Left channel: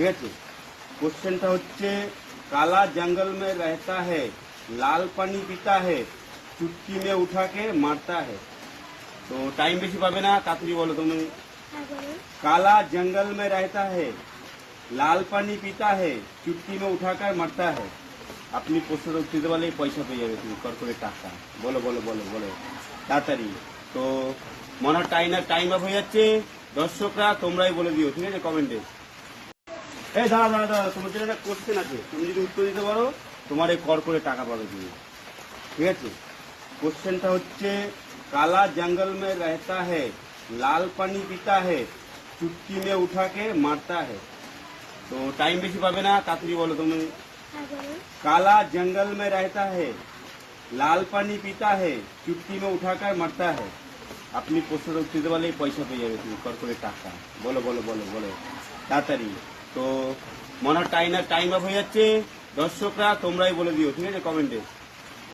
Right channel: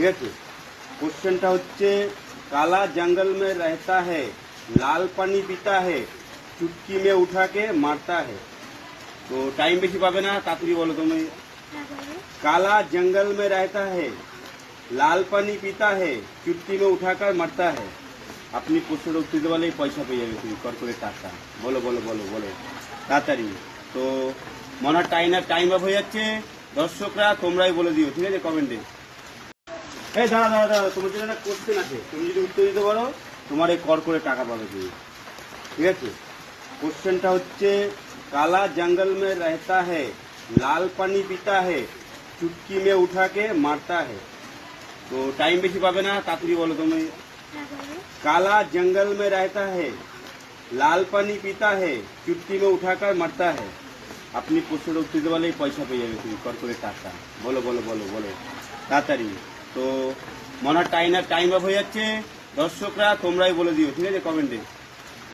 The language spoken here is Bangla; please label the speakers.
Speaker 1: ঠিক আছে। কোশ্চেনটা হচ্ছে, কালা জঙ্গল মে রহতা হ্যাঁ লাল পানি পিতা হ্যাঁ চুটকি মে উঠাকে মারতা হ্যাঁ তো টাইম বেশি পাবে না, তাড়াতাড়ি বলো তুমি। কালা জঙ্গল মে রহতা হ্যাঁ লাল পানি পিতা হ্যাঁ চুটকি মে উঠাকে মারতা হ্যাঁ আপনি প্রশ্নের উত্তর দিতে পারলেই পয়সা পেয়ে যাবে তুমি কর্পোরেট টাকা। বলো বলো বলো বলো। তাড়াতাড়ি। তো, মনে হয় টাইম টাইম অফ হয়ে যাচ্ছে। দর্শকরা, তোমরাই বলে দিও, ঠিক আছে কমেন্টে এই দাঁড়া দাঁড়া দাঁড়া তোমার জন্য একটা কোশ্চেন আছে। তুমি যদি উত্তর দিতে পারো, তোমার এই কর করে টাকা পাবে তুমি। ঠিক আছে? কোশ্চেনটা হচ্ছে, কালা জঙ্গল মে রহতা হে লাল পানি পিতা হে চুটকি মে উঠাকে মারতা হে তো টাইম বেশি পাবে না, তাড়াতাড়ি বলো তুমি। কালা জঙ্গল মে রহতা হে লাল পানি পিতা হে চুটকি মে উঠাকার মারতা হে আপনি প্রশ্নটা উত্তর দিতে পারলে পয়সা পেয়ে যাবে তুমি, কর করে টাকা। বলো বলো বলো বলো। তাড়াতাড়ি। তো মনে হয় টাইম টাইম অফ হয়ে যাচ্ছে। দর্শকরা তোমরাই বলে দিও, ঠিক আছে কমেন্টে